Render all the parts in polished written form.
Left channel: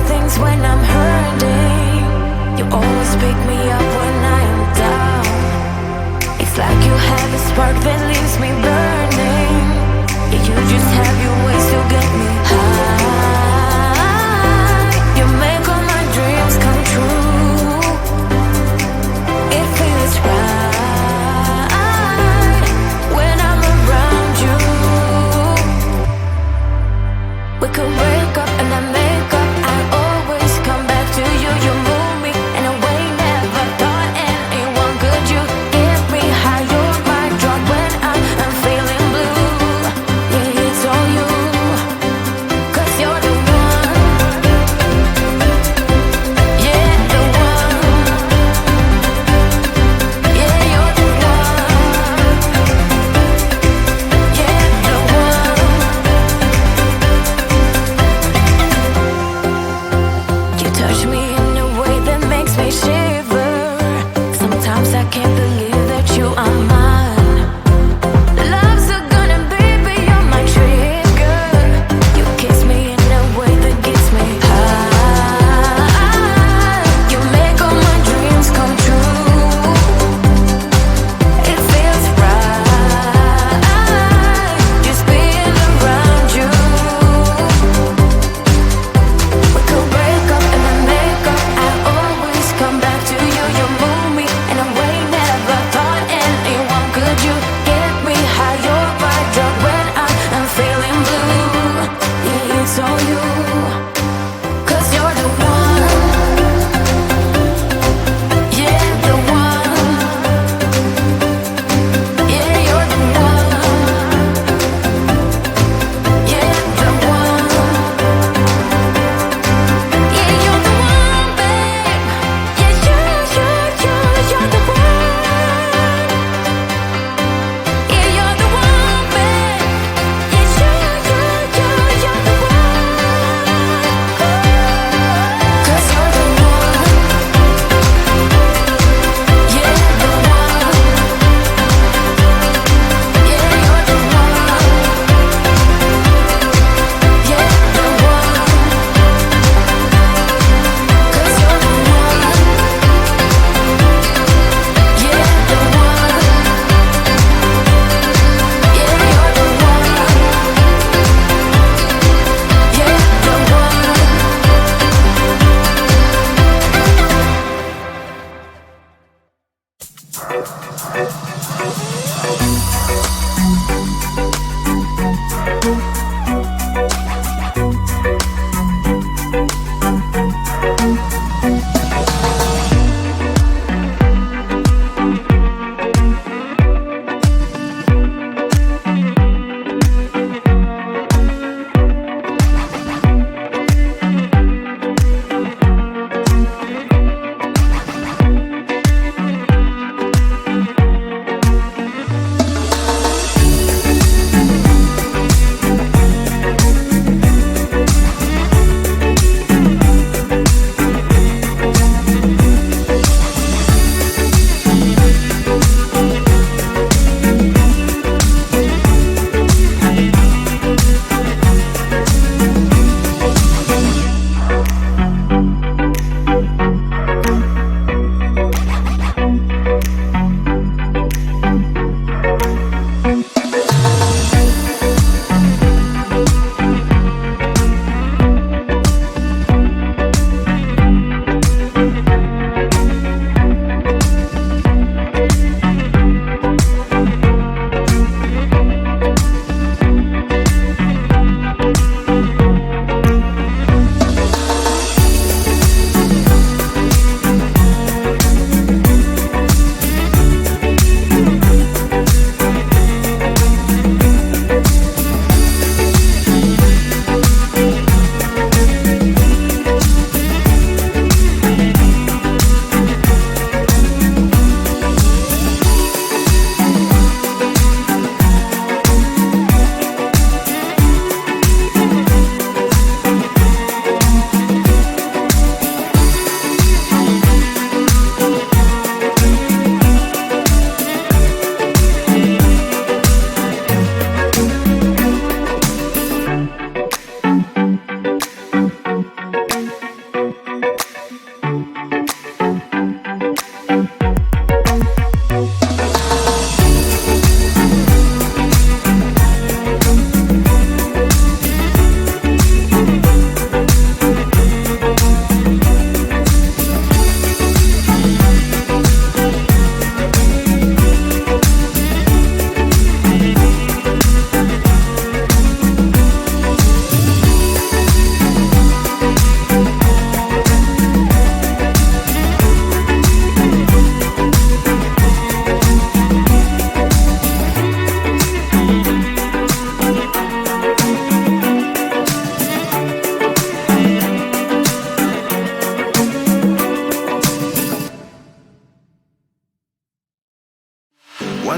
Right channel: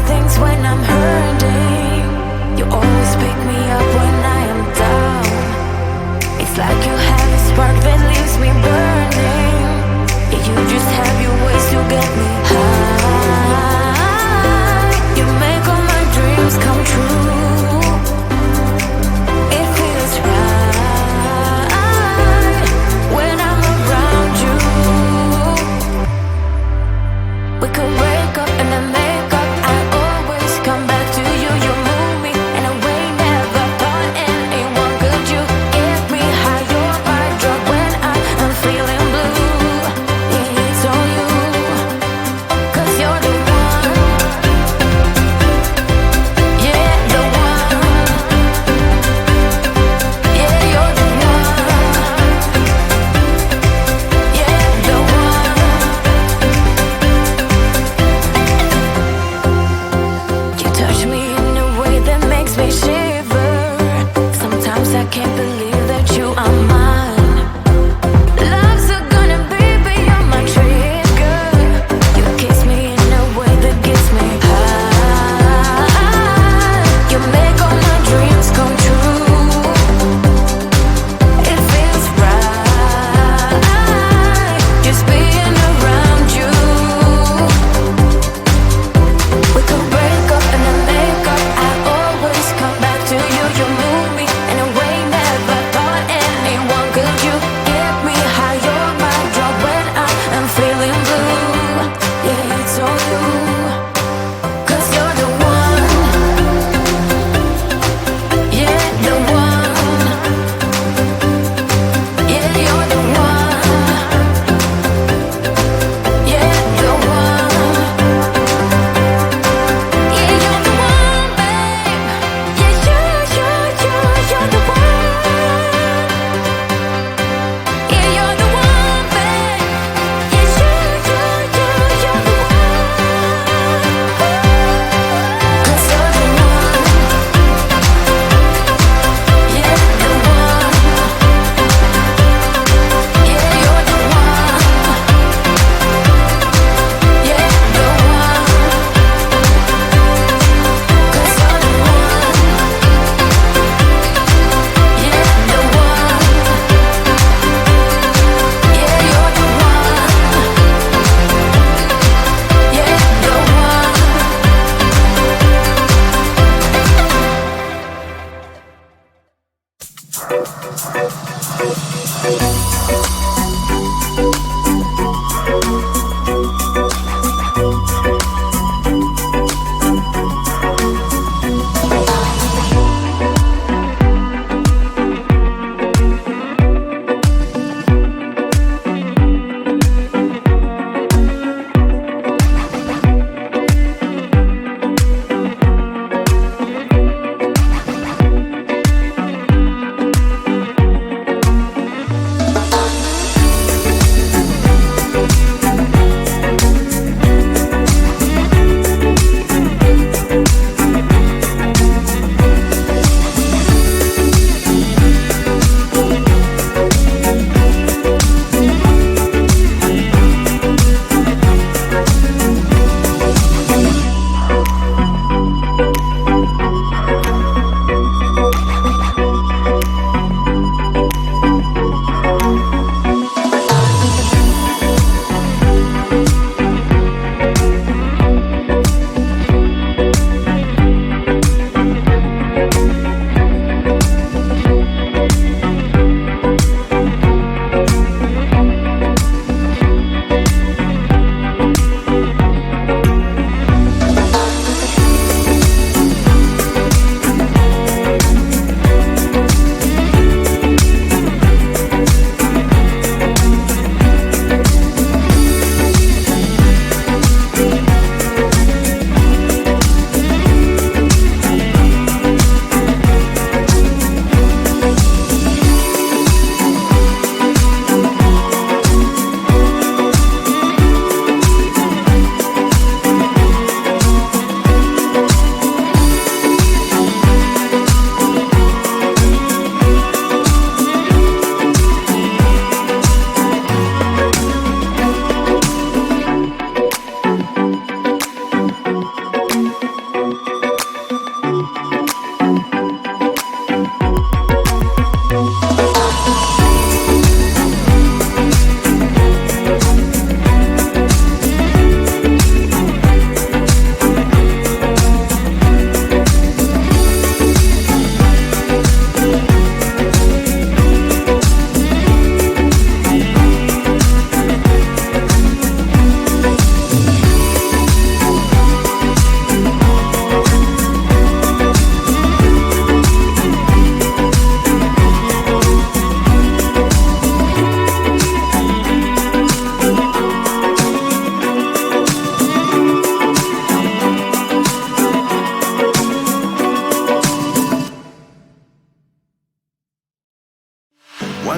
right things when I'm hurting. You always pick me up when I am down. It's like you have a spark that leaves me burning. Yeah, you just have your ways to get me high. You make all my dreams come true. It feels right when I'm around you. We could break up and then make up. I always come back to you. You move me in a way never thought anyone could. You get me high. You're my drug when I am feeling blue. Yeah, it's all you, 'cause you're the one. Yeah, the one. Yeah, you're the one. Yeah, the one. You touch me in a way that makes me shiver. Sometimes I can't believe that you are mine. Love's a gun and baby you're my trigger. You kiss me in a way that gets me high. You make all my dreams come true. It feels right just being around you. We could break up and then make up. I always come back to you. You move me in a way never thought anyone could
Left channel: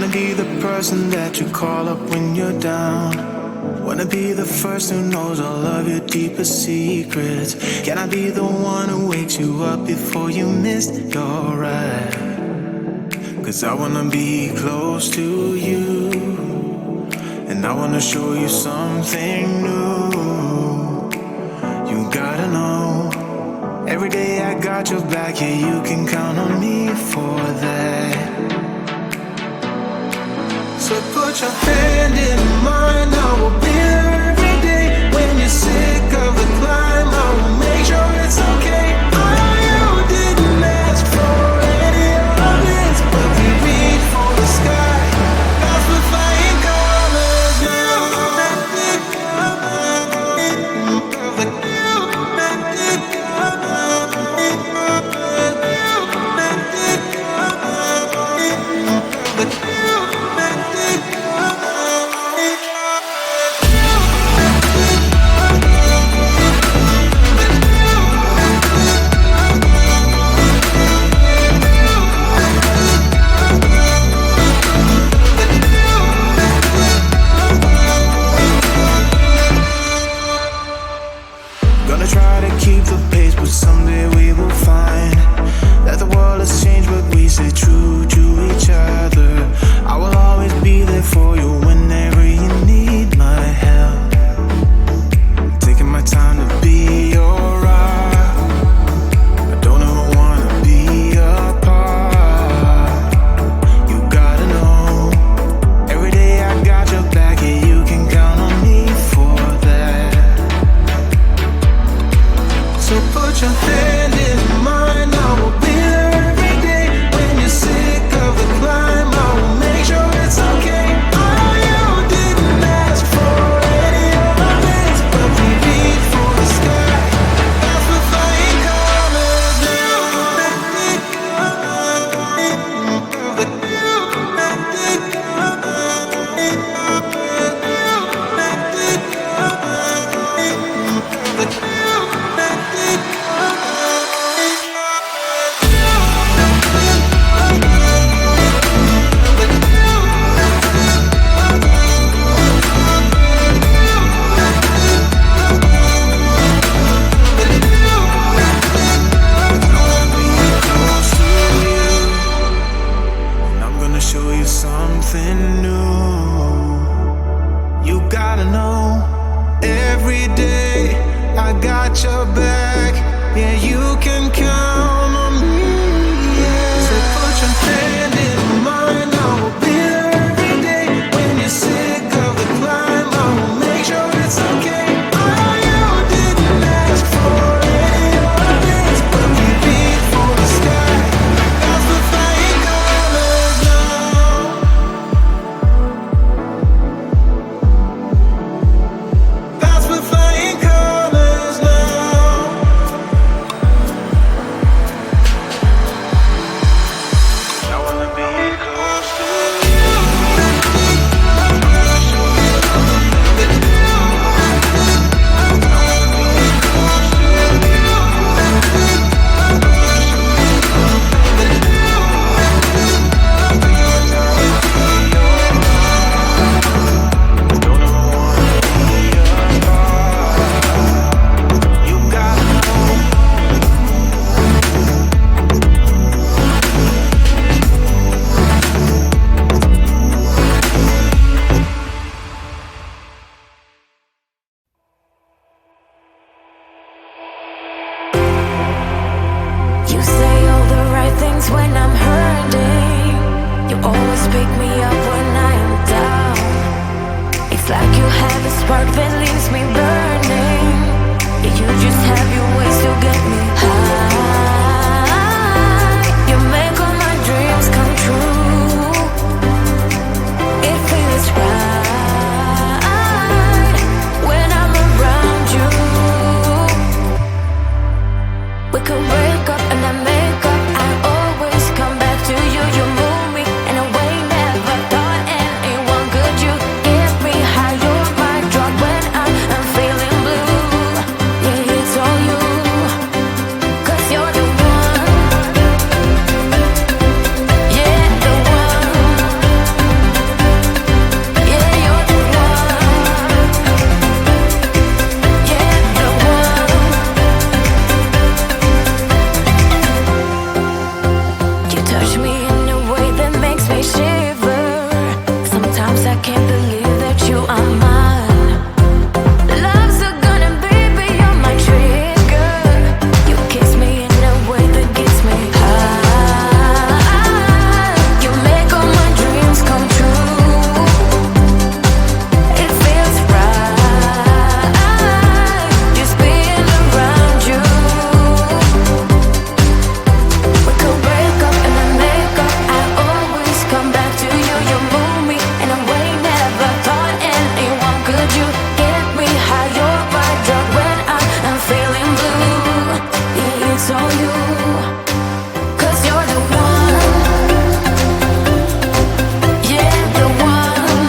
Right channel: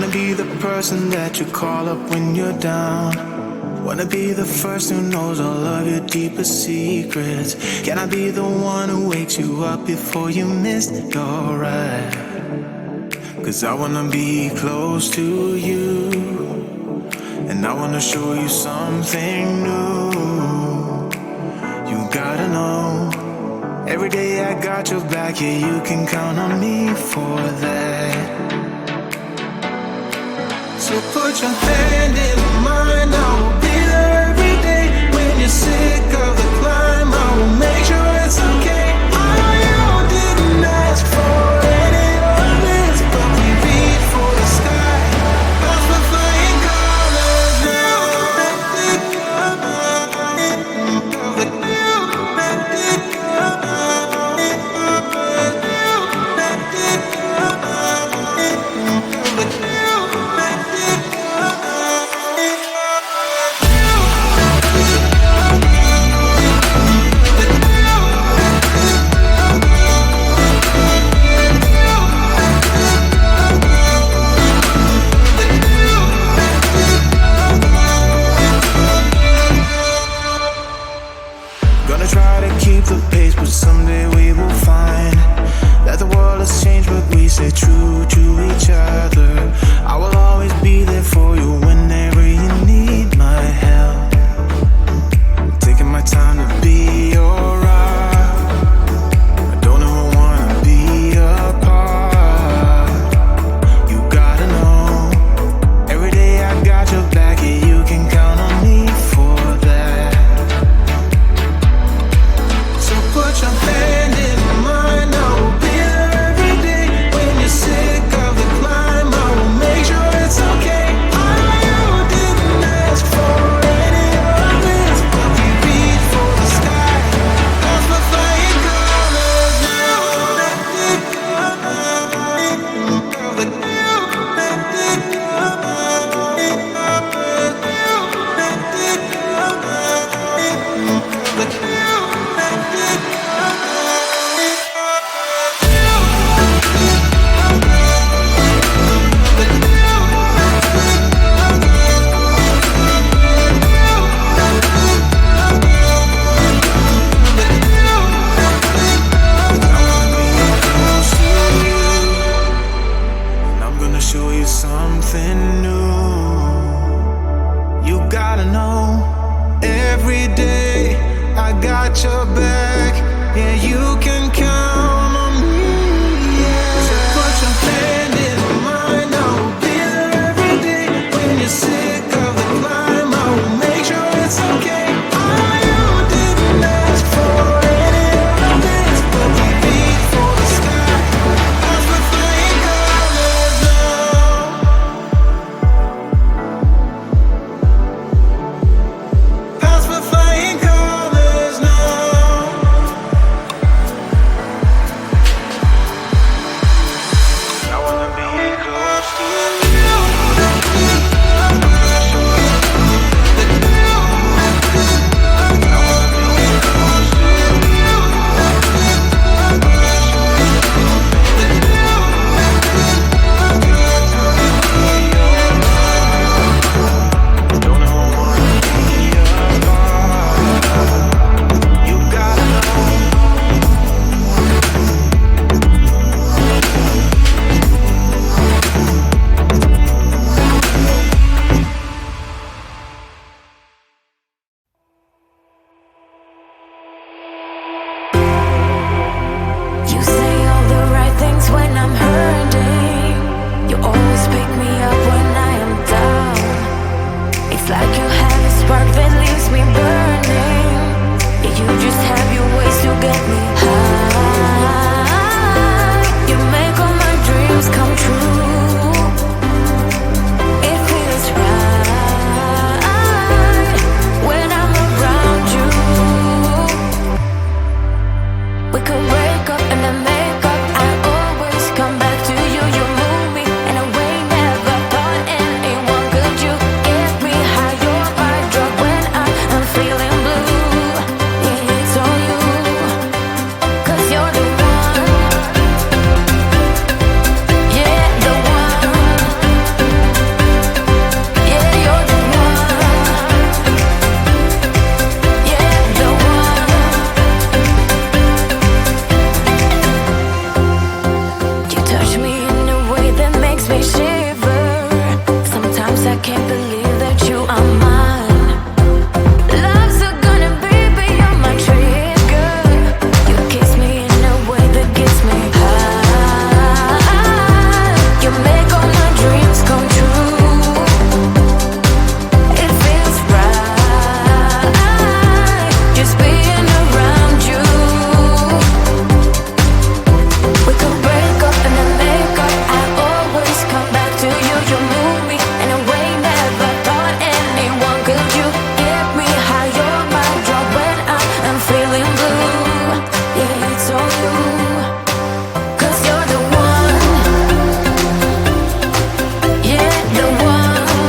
Wanna be the person that you call up when you're down. Wanna be the first who knows all of your deepest secrets. Can I be the one who wakes you up before you missed your ride? 'Cause I wanna be close to you, and I wanna show you something new. You gotta know, every day I got your back, yeah, you can count on me for that. So put your hand in mine, I will be there every day. When you're sick of the climb, I will make sure it's okay. I know you didn't ask for any of this, but we reach for the sky. That's for flying colors now. Gonna try to keep the pace, but someday we will find that the world has changed, but we stay true to each other. I will always be there for you whenever you need my help. I'm taking my time to be your rock. I don't ever wanna be apart. You gotta know, every day I got your back, yeah, you can count on me for that. So put your hand in mine, I will be there every day. When you're sick of the climb, I will make sure it's okay. I know you didn't ask for any of this, but we reach for the sky. That's for flying colors now. Show you something new. You gotta know, every day I got your back, yeah, you can count on me, yeah. So put your hand in mine, I will be there every day. When you're sick of the climb, I will make sure it's okay. I know you didn't ask for any of this, but we reach for the sky. That's the flying colors now. That's the flying colors now. I wanna be close to you. I'm gonna show you something new. I wanna be close to you. I'm gonna show you something new. Taking my time to be your rock. Don't ever wanna be apart. You gotta know. You say all the right things when I'm hurting. You always pick me up when I am down. It's like you have a spark that leaves me burning. Yeah, you just have your ways to get me high. You make all my dreams come true. It feels right when I'm around you. We could break up and then make up. I always come back to you. You move me in a way never thought anyone could. You get me high. You're my drug when I am feeling blue. Yeah, it's all you. 'Cause you're the one. Yeah, the one. I can't believe that you are mine. Love's gonna be beyond my trigger. You kiss me in a way that gets me high. You make all my dreams come true. It feels right just being around you. We could break up and then make up. I always come back to you. You move me in a way never thought anyone could. You get me high, you're my drug when I am feeling blue. Yeah, it's all you, 'cause you're the one. Yeah, the one.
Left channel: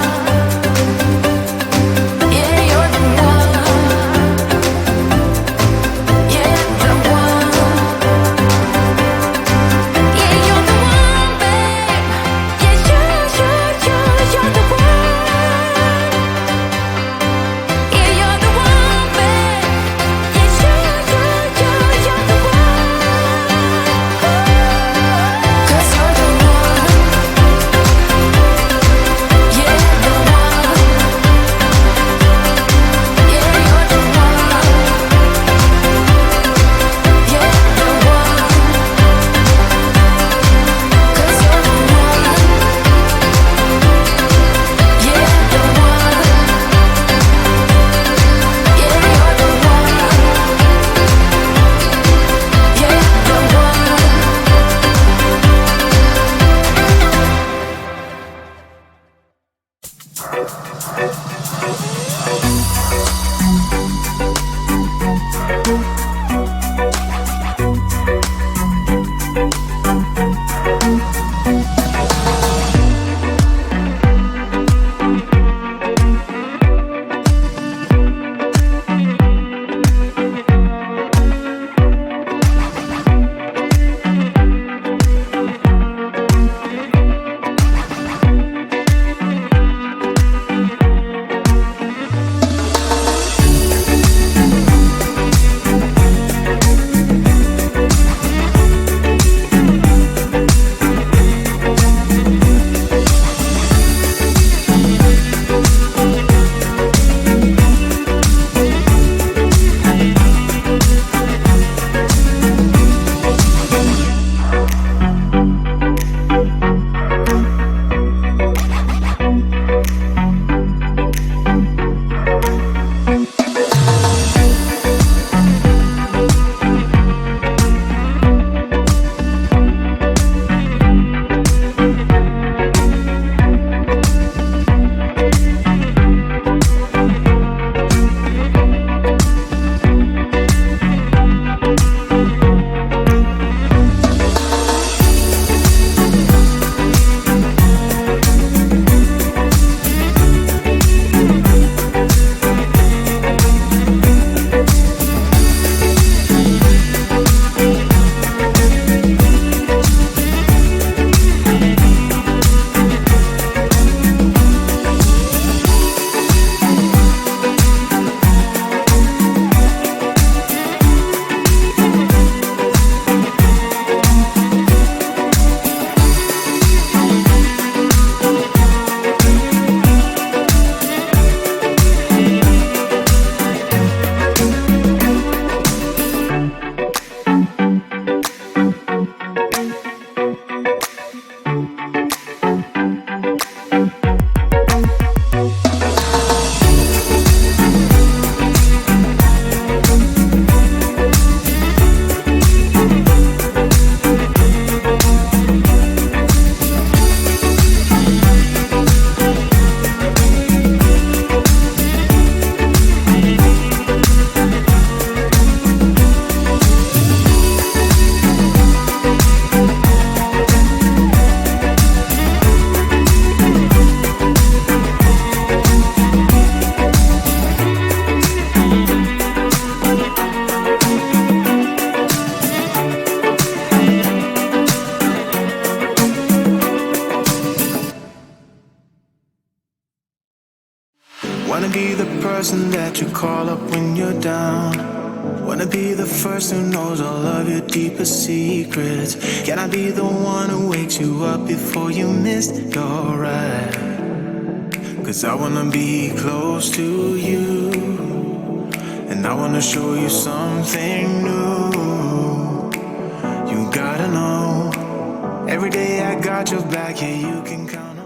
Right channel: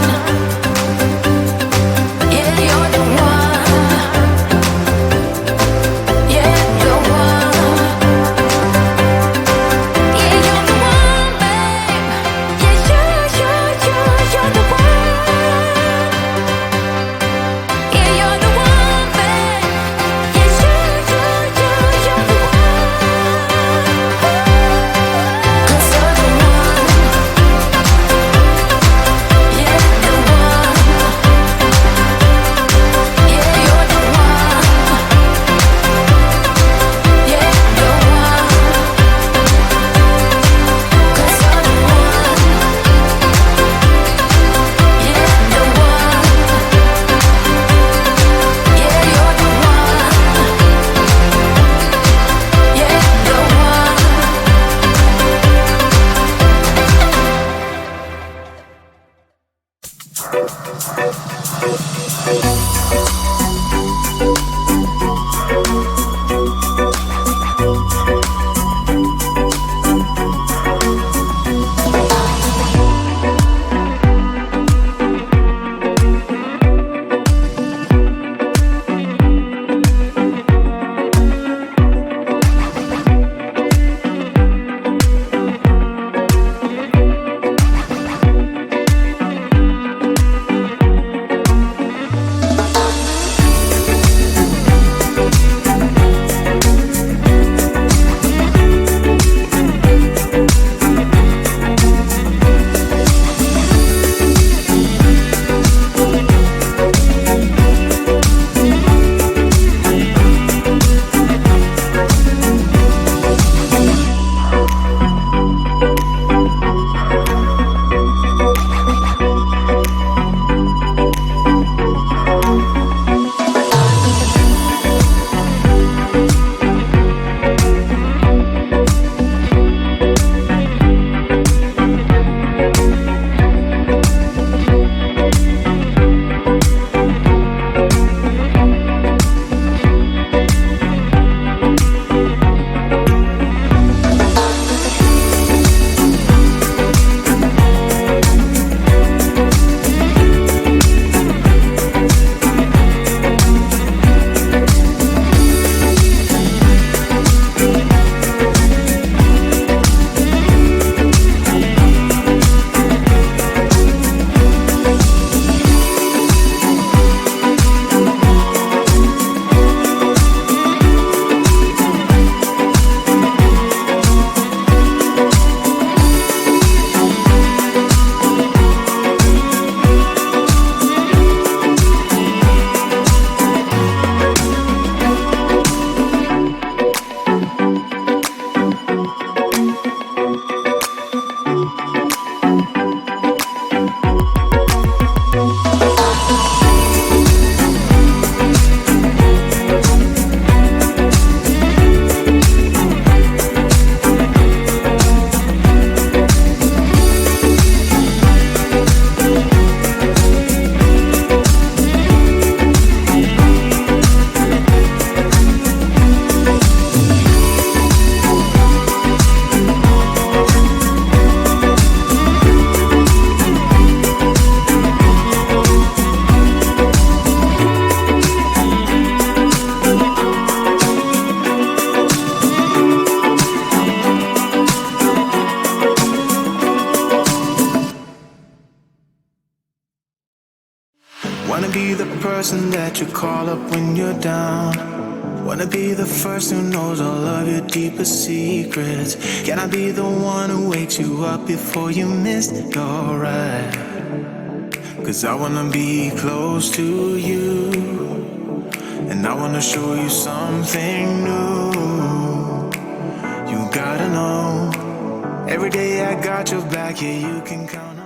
Yeah, you're the one. Yeah, the one. Yeah, you're the one, babe. Yeah, you're the one. Yeah, you're the one, babe. Yeah, you're the one. Ooh. 'Cause you're the one. Yeah, the one. Yeah, you're the one. Yeah, the one. 'Cause you're the one. Yeah, the one. Yeah, you're the one. Yeah, the one. Wanna be the person that you call up when you're down. Wanna be the first who knows all of your deepest secrets. Can I be the one who wakes you up before you missed your ride? 'cause I wanna be close to you, and I wanna show you something new. You gotta know, every day I got your back, yeah, you can count on